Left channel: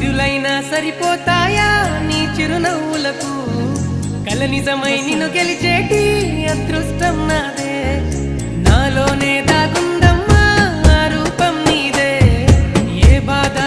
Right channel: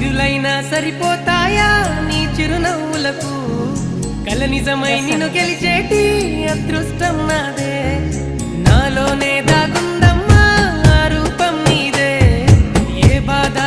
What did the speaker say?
సిరులైనా సరిపోతాయా నీ చిరునవ్వులకు కల నిజమై నిన్ను గెలిచేటి అదృష్టం నాదే నాలోనే దాగుందమ్మా ఆ రూపం నీదే ఏ బాధ